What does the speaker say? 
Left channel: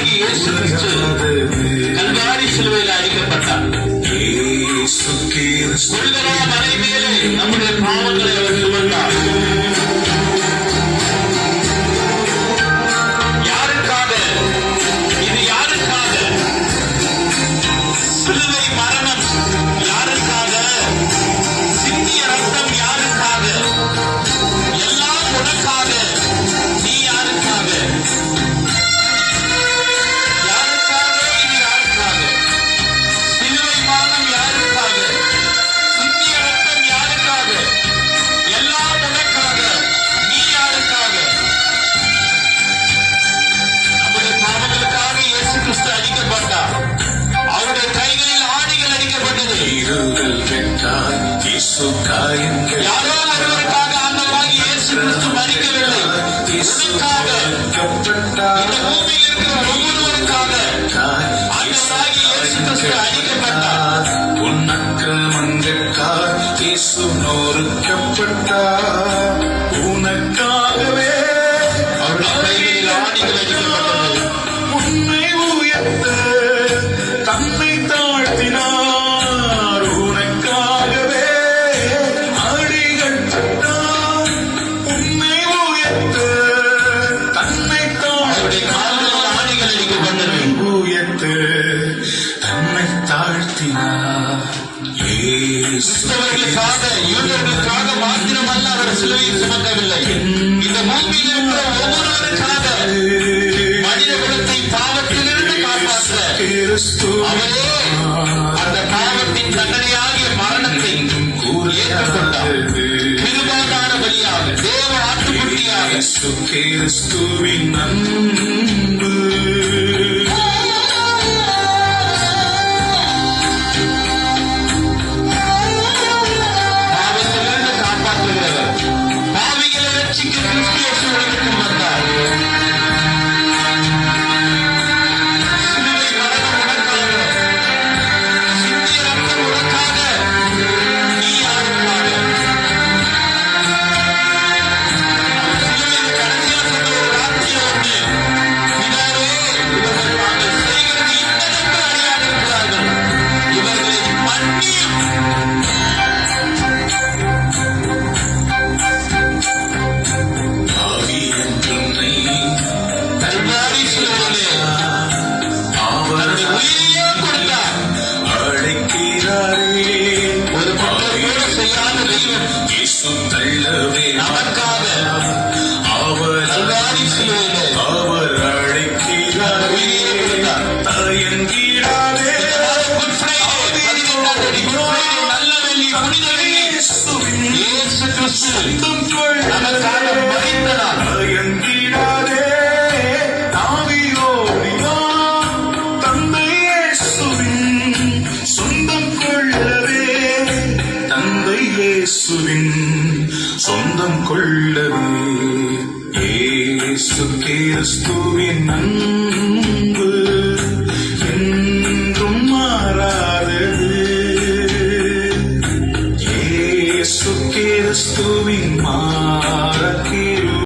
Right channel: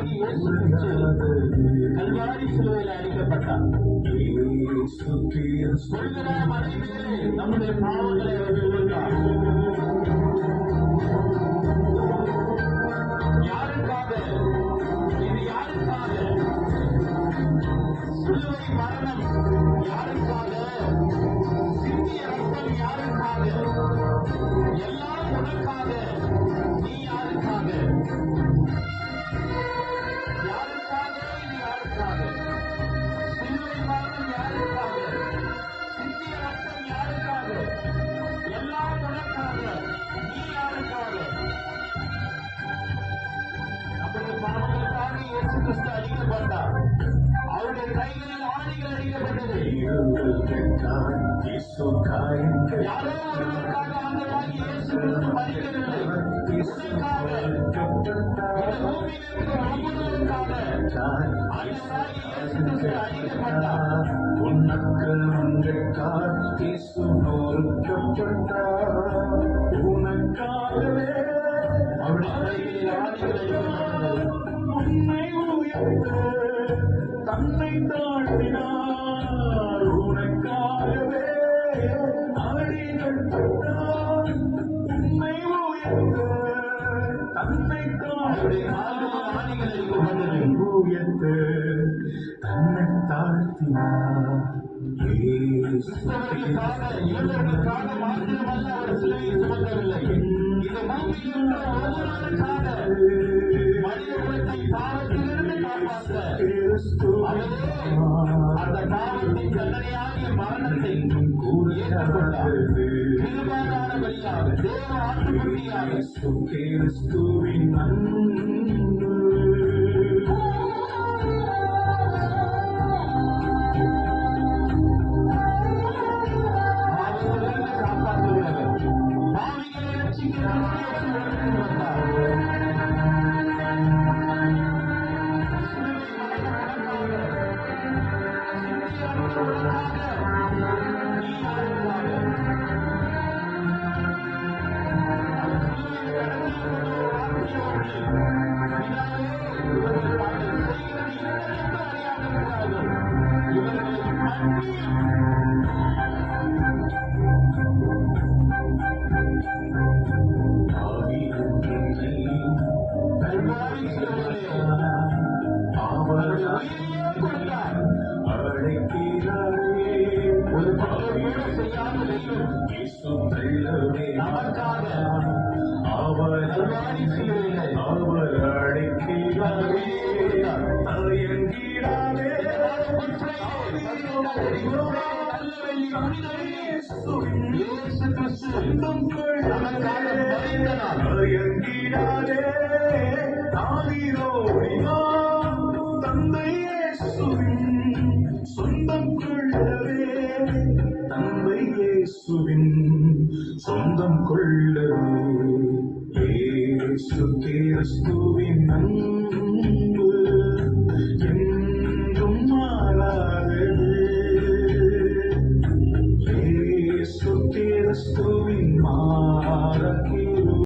ஆண்டவராகிய இயேசு கிறிஸ்து கல்வாரி சிலுவையில் அடிக்கப்பட்டார். கொள்கலா மலை மேலே நம்முடைய பாவங்களை அவர் சுமந்தார். யாருக்காக? இது யாருக்காக? சிலுவை மரணம் யாருக்காக? சிந்திய ரத்தம் யாருக்காக? எல்லாம் உனக்காக. நீ யாருக்காக? யாருக்காக? இது யாருக்காக? சிலுவை மரணம் யாருக்காக? சிந்திய ரத்தம் யாருக்காக? எல்லாம் உனக்காக. நீ யாருக்காக? நம்முடைய பாவங்களுக்காக இயேசு கிறிஸ்து அடிக்கப்பட்டார். அவருடைய கைகளில் ஆணிகள் அடிக்கப்பட்டது. யாரோ ஒருவருக்காக ஆண்டவராகிய இயேசு கிறிஸ்து மரிக்கவில்லை. உனக்காக, இந்த பூமியில் இருக்கிற ஒவ்வொருவருக்காக ஆண்டவராகிய இயேசு கிறிஸ்து அடிக்கப்பட்டார். உனக்காக இயேசு நொறுக்கப்பட்டார். உனக்காகவே அவருடைய கைகளில் ஆணிகள் அடிக்கப்பட்டது. உன்னை உயர்த்த தன்னை தாழ்த்தினார். உனக்காகவே அடிகள் பட்டார். உன்னை உயர்த்த தன்னை அவருடைய கால்களில் ஆணிகள் அடிக்கப்பட்டது. உயர்த்த தன்னை தாழ்த்தினார். கிறிஸ்தவர்களுக்காக, யூதர்களுக்காக மாத்திரமல்ல அவர் சிலுவையில் சுமக்கவில்லை. இந்த பூமியில் இருக்கிற ஒவ்வொருவருக்காக மனித குலத்தை பாவத்திலிருந்து காப்பாற்ற அவரே அந்த பாவத்தின் தண்டனையாகிய மரணத்தை ஏற்றுக்கொண்டார். திருவாதார பலியாக, தேவ ஆட்டுக்குட்டியாக. கிறிஸ்துவின் அன்பு பாவத்திலிருந்து காப்பாற்றுகிறவர். பாவிகளை ரட்சிக்க கிறிஸ்து இயேசு உலகத்தில் வந்தார். சிலுவை மரணம் உனக்காக. சிந்திய ரத்தம் உனக்காக. நீ யாருக்காக? அவர் சிலுவையில் கடைசியாக சொன்ன ஒரு வார்த்தை உண்டு. பிதாவே, இவர்கள் தாங்கள் செய்கிறது இன்னதென்று அறியாதிருக்கிறார்கள். இவர்களை மன்னியும். கல்வாரி சிலுவையிலே அவருடைய உயிரையே கொடுத்தார். அழைக்கிறாரே. ஒரு குற்றம் கூட செய்யாத தெய்வம் நமக்காக கல்வாரி சிலுவையிலே அவர் அழைக்கிறாரே. உயிரையே கொடுத்தார். தயங்கிடாதே. குட் ஃப்ரைடே, 12ஆம் தேதி குட் ஃப்ரைடே, நல்ல வெள்ளி, புனித வெள்ளி. இயேசு கிறிஸ்து நமக்காக மரித்த நாள். தயங்கிடாதே. தாவியோடினான் தந்தை இயேசுவின் சொந்தம் கொள்ளவே. தந்தை இயேசுவின் சொந்தம் கொள்ளவே. இயேசு கிறிஸ்துவின்